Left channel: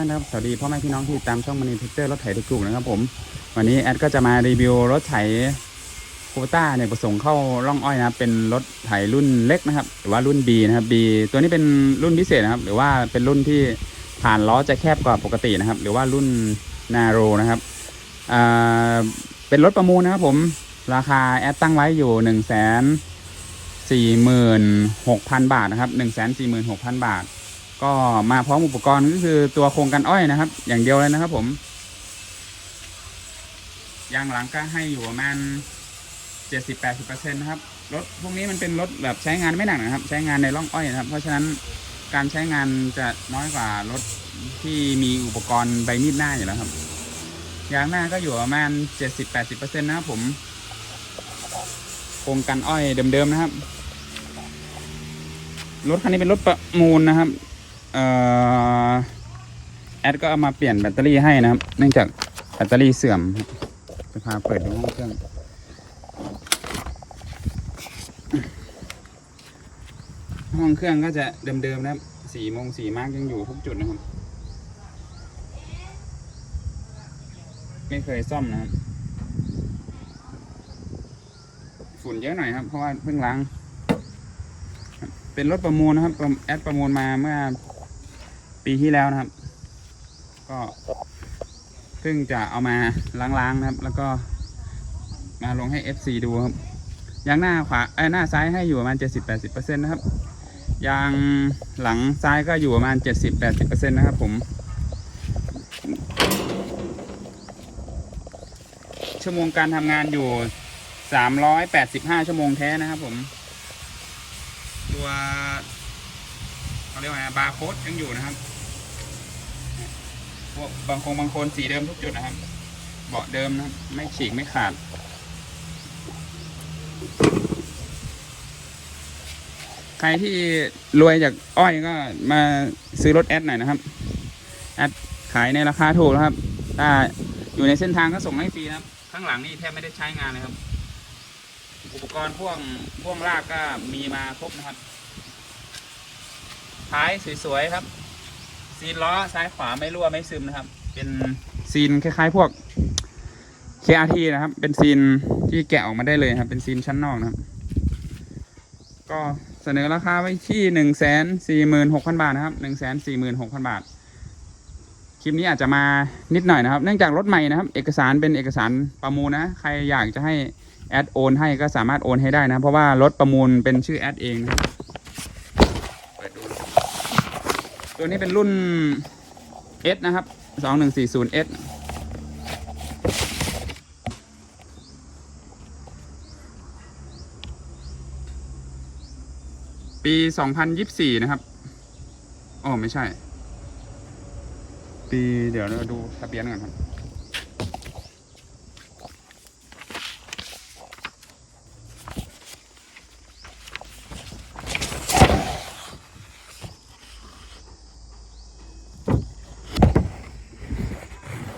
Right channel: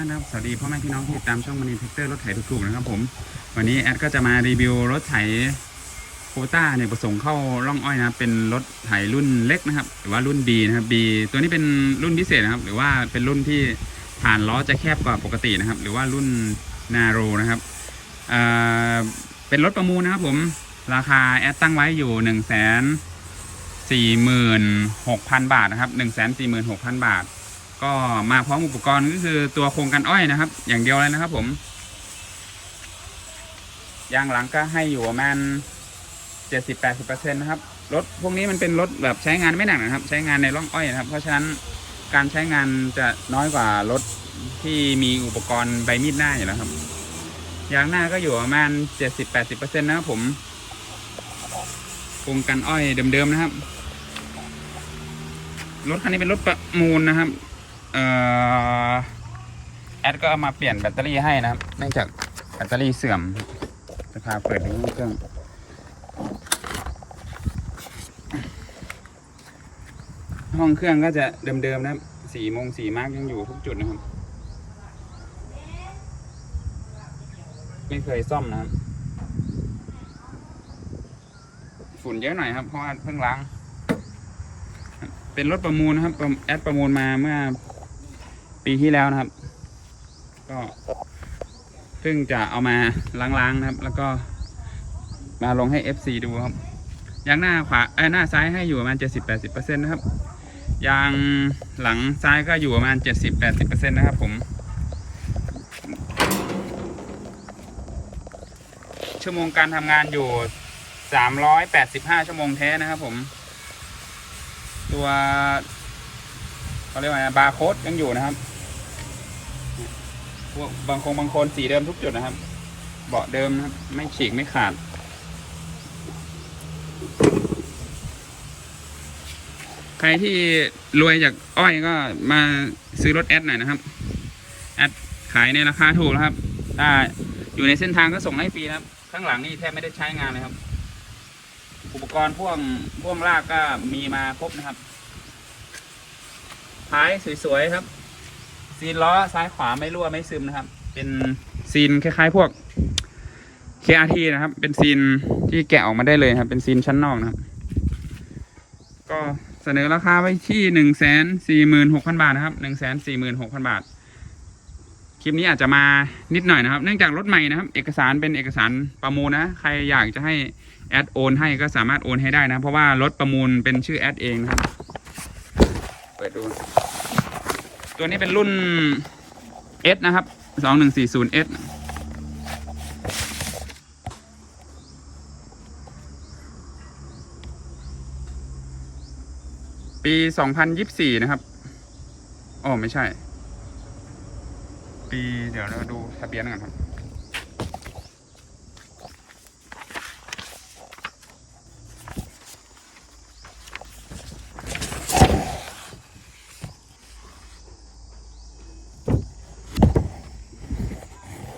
านนะครับสวัสดีพ่อแม่พี่น้องที่ตามช่องมณีเทคเตอร์รถไถถูกๆนะครับผม วันนี้แอดก็จะมารีวิวรถไถโคต้าเนี่ยประสงค์เข้าร่องอ้อยนะครับเป็นรถไถรุ่นเล็กนะครับ หรือว่ารุ่น B นะครับ B ตัวนี้เป็นรุ่นพิเศษนะครับ หรือว่าเป็นรุ่นที่ผ่านล้อจะแคบกว่าปกตินะครับ หรือว่ารุ่นนาโรนะครับอ่าเป็นรถประมูลนะครับผมราคาแอดตั้งไว้อยู่หนึ่งแสนสี่หมื่นหกพันบาทนะครับหนึ่งแสนสี่หมื่นหกพันบาท ก็มาพร้อมอุปกรณ์ก็คือตัวโครงกันอ้อยนะครับ อย่างเดียวเลยนะครับผมยางหลังก็ให้อยู่ประมาณเจ็ดสิบแปดสิบเปอร์เซ็นต์นะครับรถพวกนี้มันเป็นรถแบบใช้งานไม่หนักนะครับ ใช้งานในร่องอ้อยนะครับ เพราะฉะนั้นการใช้งานจะน้อยกว่ารถที่มีอุปกรณ์ใบมีดหน้าอยู่แล้วครับยางหน้าก็อยู่ประมาณเจ็ดสิบแปดสิบเปอร์เซ็นต์นะครับผมโครงกันอ้อยเดิมๆนะครับรถคันนี้เป็นรถประมูลนะครับ แอดก็เอามาเปลี่ยนแบตเตอรี่ให้นะครับ เนื่องจากแบตเตอรี่เสื่อมจะพาเปิดในห้องเครื่องห้องเครื่องก็จะเดิมๆนะครับสีโมงสีมาร์กยังอยู่ทุกจุดนะครับ ไม่เคยซ่อมนะครับฝุ่นเยอะหน่อยครับเพราะว่าเพิ่งล้าง เป็นรถประมูลนะครับแอดประมูลมาเมื่อ ปีที่แล้วนะครับ ก็เพิ่งจะเอามาล้างๆนะครับ แล้วก็มาลงให้ FC ดูครับยางหน้าขวาเอ้ยหน้าซ้ายให้อยู่ประมาณ 70-80%นะครับยางหลังซ้ายก็อยู่ประมาณ 70-80%นะครับผม ชั่วโมงการทำงานอยู่ 385 ชั่วโมงแท้นะครับผม ตัวเขาเรียกว่าบาร์โค้ดยังอยู่นะครับ พวกบางคงบางคนสีเดิมทุกจุดนะครับ เบาะเดิมนะครับ ไม่ฉีกไม่ขาด ใครที่รวยจากอ้อยก็มาซื้อรถแอดหน่อยนะครับ แอดขายในราคาถูกนะครับถ้าอยู่ในเส้นทางก็ส่งให้ฟรีนะครับ ข้างหลังนี่แทบไม่ได้ใช้งานเลยครับ อุปกรณ์พ่วงพ่วงลากก็มีมาครบนะครับ ท้ายสวยๆครับ ซีนล้อซ้ายขวาไม่รั่วไม่ซึมนะครับ เป็นซีนคล้ายๆพวก KRT นะครับ เป็นซีนที่แกะออกมาได้เลยครับ เป็นซีนชั้นนอกนะครับ ก็เสนอราคาไว้ที่หนึ่งแสนสี่หมื่นหกพันบาทนะครับหนึ่งแสนสี่หมื่นหกพันบาท คลิปนี้อาจจะมานิดหน่อยนะครับ เนื่องจากรถใหม่นะครับ เอกสารเป็นเอกสารประมูลนะ ใครอยากจะให้แอดโอนให้ก็สามารถโอนให้ได้นะ เพราะว่ารถประมูลเป็นชื่อแอดเองนะครับ เปิดดู ตัวนี้เป็นรุ่น S นะครับ 2140S ปี 2024 นะครับอ๋อไม่ใช่ ปีเดี๋ยวเราดูทะเบียนกันครับ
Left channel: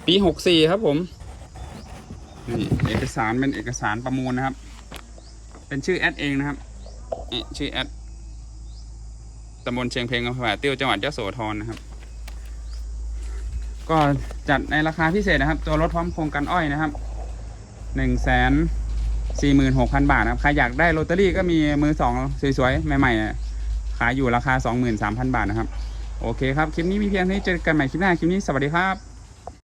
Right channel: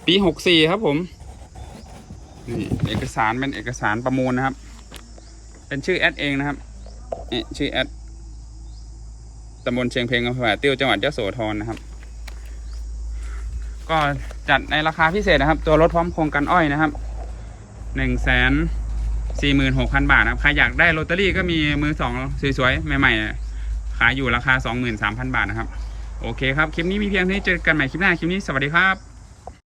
ปีหกสี่ครับผมนี่เอกสารเป็นเอกสารประมูลนะครับ เป็นชื่อแอดเองนะครับนี่ชื่อแอดตำบลเชียงเพลงอำเภอแหวติ้วจังหวัดยะโสธรนะครับ ก็จัดในราคาพิเศษนะครับ ตัวรถพร้อมโครงกันอ้อยนะครับหนึ่งแสนสี่หมื่นหกพันบาทนะครับ ใครอยากได้ลอตเตอรี่ก็มีมือสองสวยๆ ใหม่ๆ ขายอยู่ราคาสองหมื่นสามพันบาทนะครับ โอเคครับ คลิปนี้มีเพียงเท่านี้เจอกันใหม่คลิปหน้า คลิปนี้สวัสดีครับ